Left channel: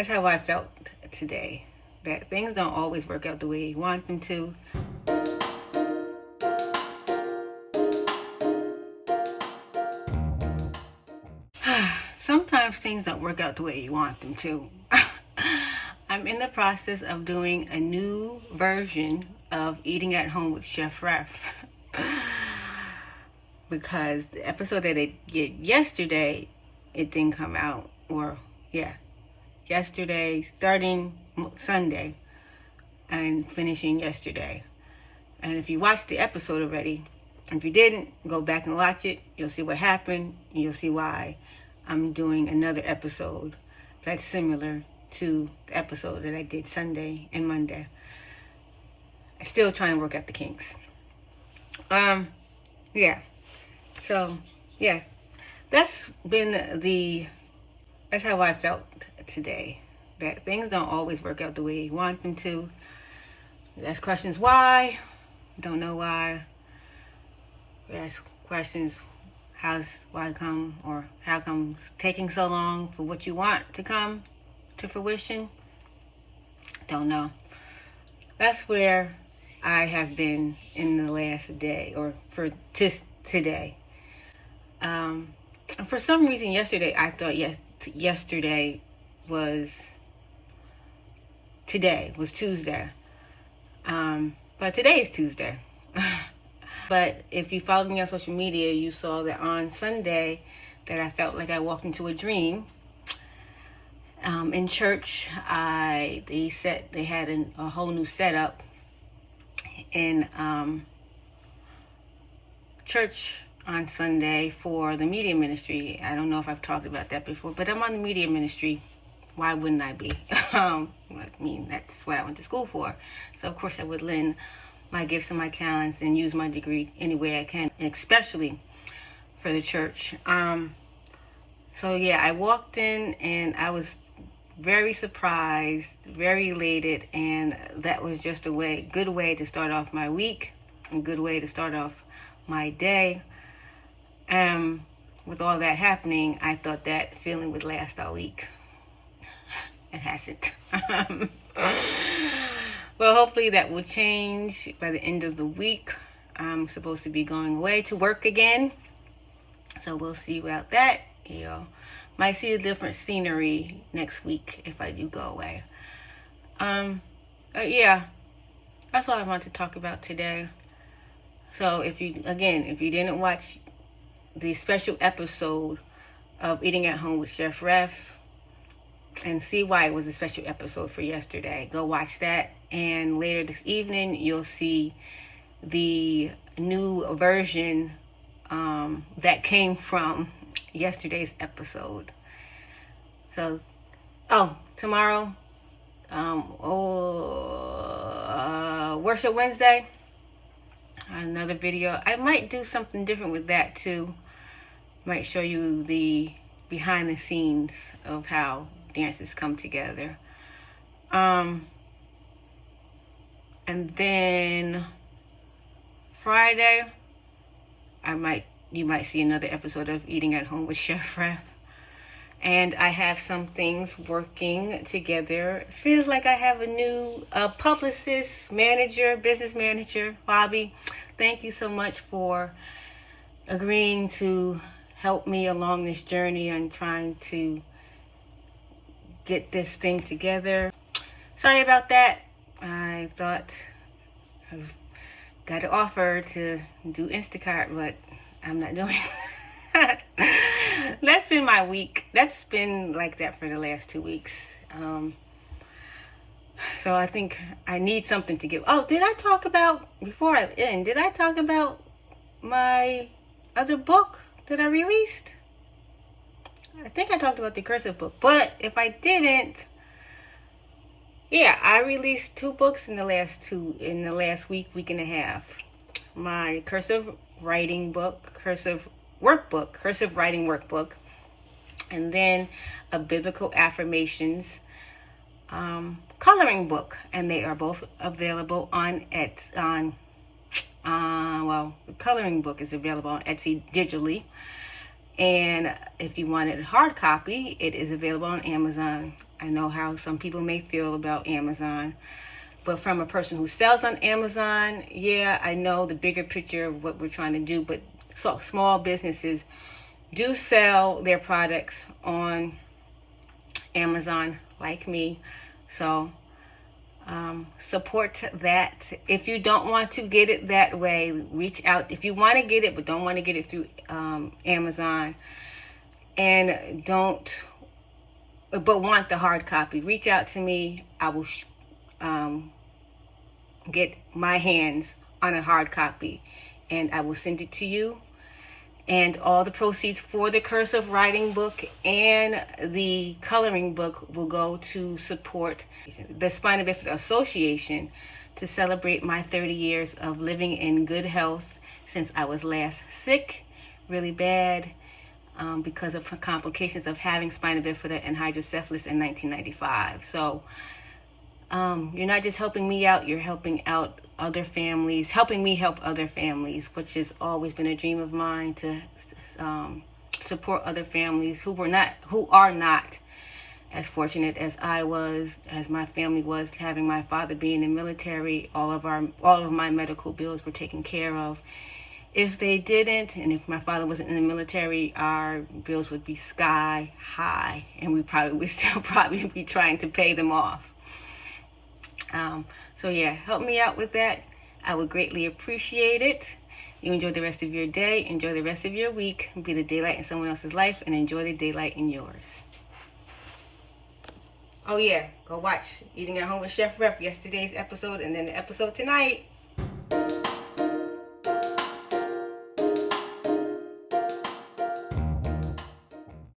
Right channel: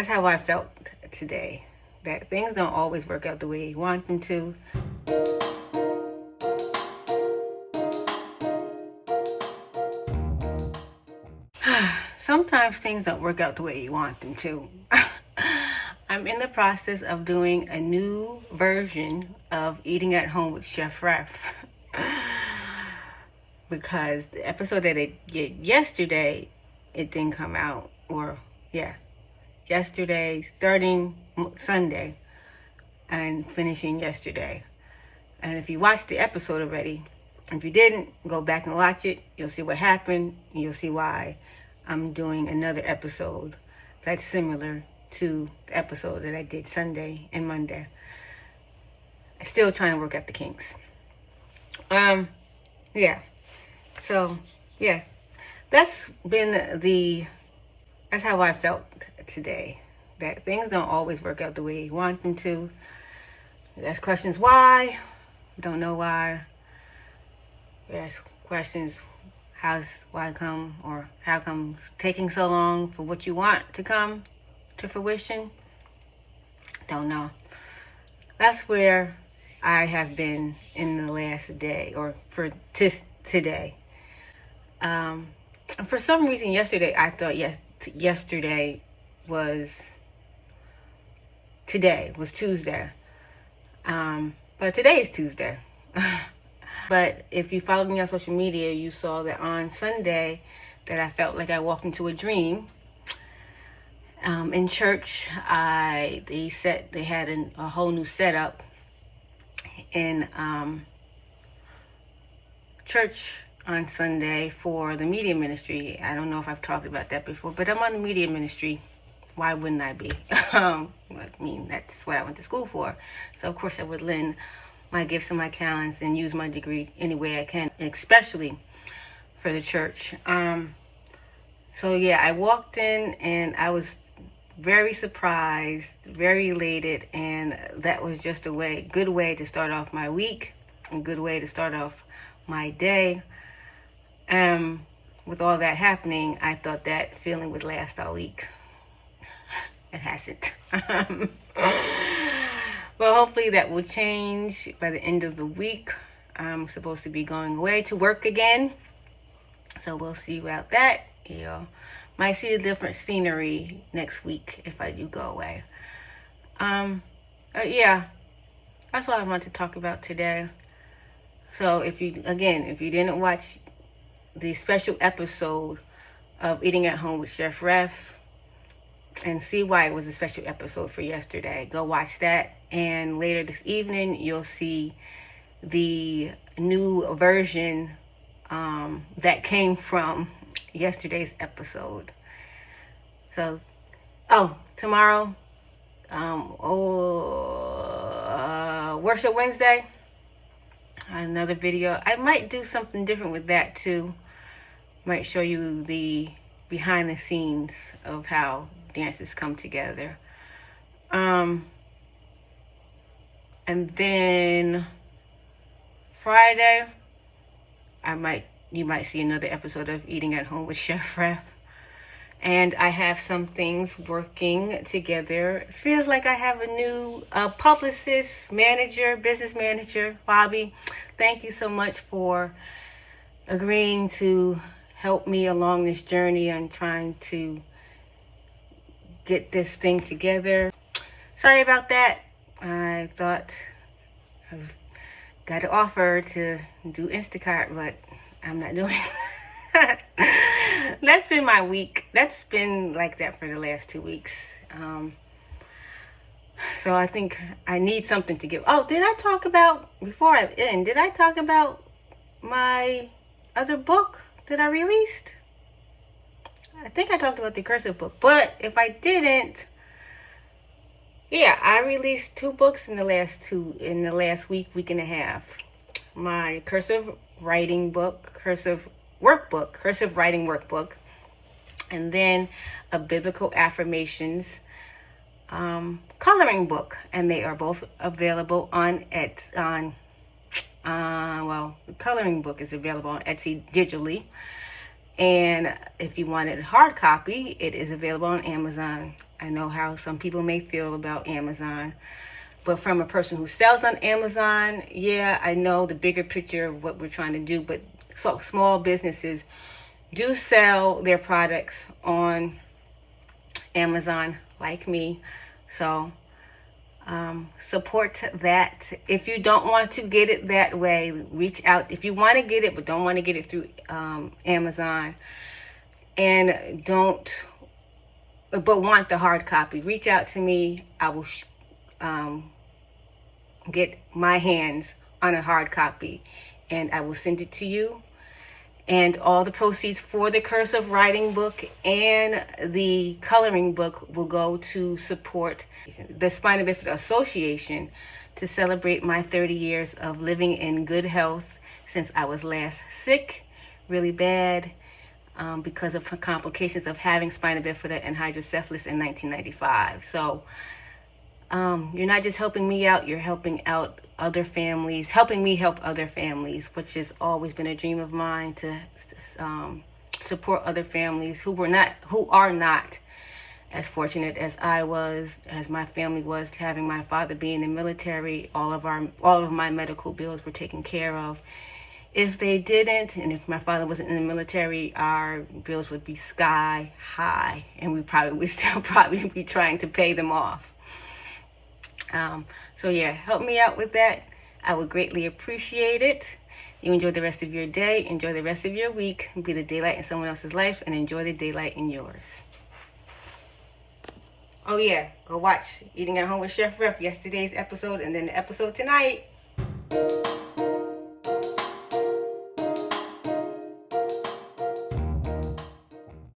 That's how I felt today, that things don't always work out the way you want them to. Sometimes things don't work out the way you want them to. I'm in the process of doing a new version of Eating at Home with Chef Ref. Because the episode that I did yesterday, it didn't come out. Yesterday, starting Sunday and finishing yesterday. And if you watched the episode already, if you didn't, go back and watch it. You'll see what happened. And you'll see why I'm doing another episode that's similar to the episode that I did Sunday and Monday. I'm still trying to work out the kinks. That's how I felt today, that things don't always work out the way you want them to. You ask questions why, don't know why. You ask questions why come, or how come it's taking so long for what you want to come to fruition. Don't know. That's where I have been in the last day, or for today. And for some reason yesterday, I thought yesterday was Tuesday. But today is Tuesday. But if you followed me on social media, you saw that on Sunday that I felt like I walked into a dream. In church, they had a whole new setup in church on Sunday for the media ministry. I don't know if I've talked about that before, but I'm on the media ministry. Why wouldn't I be? I mean, that's what I went to school for. So of course I would lend my gifts and my talents and use my degree any way I can, especially for the church. So yeah, I walked in and I was very surprised, very elated, and that was just a good way to start off my week, a good way to start off my day. With all that happening, I thought that feeling would last all week. It hasn't. Well, hopefully that will change by the end of the week. I'm supposed to be going away to work again, so we'll see about that. Might see a different scenery next week if I do go away. Yeah, that's what I want to talk about today. So if you didn't watch the special episode of Eating at Home with Chef Ref and see why it was a special episode for yesterday, go watch that. And later this evening, you'll see the new version that came from yesterday's episode. So, tomorrow, Worship Wednesday, another video. I might do something different with that too. Might show you the behind the scenes of how dances come together. And then Friday, you might see another episode of Eating at Home with Chef Ref. And I have some things working together. It feels like I have a new publicist, business manager, Bobby. Thank you so much for agreeing to help me along this journey on trying to get this thing together. Sorry about that. I thought I've got an offer to do Instacart, but I'm not doing it. That's been my week. That's been like that for the last 2 weeks. So I think I need something to give. Oh, did I talk about my other book that I released? I think I talked about the cursive book, but if I didn't, yeah, I released 2 books in the last week and a half. My cursive writing book, cursive writing workbook, and then a biblical affirmations coloring book, and they are both available on the coloring book is available on Etsy digitally, and if you wanted a hard copy, it is available on Amazon. I know how some people may feel about Amazon. But from a person who sells on Amazon, yeah, I know the bigger picture of what we're trying to do. But so small businesses do sell their products on Amazon, like me. So support that. If you don't want to get it that way, reach out. If you want to get it but don't want to get it through Amazon, and but want the hard copy, reach out to me. I will get my hands on a hard copy, and I will send it to you. And all the proceeds for the cursive writing book and the coloring book will go to support the Spina Bifida Association to celebrate my 30 years of living in good health since I was last sick, really bad, because of complications of having spina bifida and hydrocephalus in 1995. So you're not just helping me out, you're helping out other families, helping me help other families, which has always been a dream of mine, to support other families who are not as fortunate as I was, as my family was, having my father be in the military. All of my medical bills were taken care of. If they didn't, and if my father wasn't in the military, our bills would be sky high, and we would still be trying to pay them off. So yeah, help me out with that. I would greatly appreciate it. You enjoy the rest of your day, enjoy the rest of your week, be the daylight in someone else's life, and enjoy the daylight in yours. Oh yeah, go watch Eating at Home with Chef Ref, yesterday's episode, and then the episode tonight.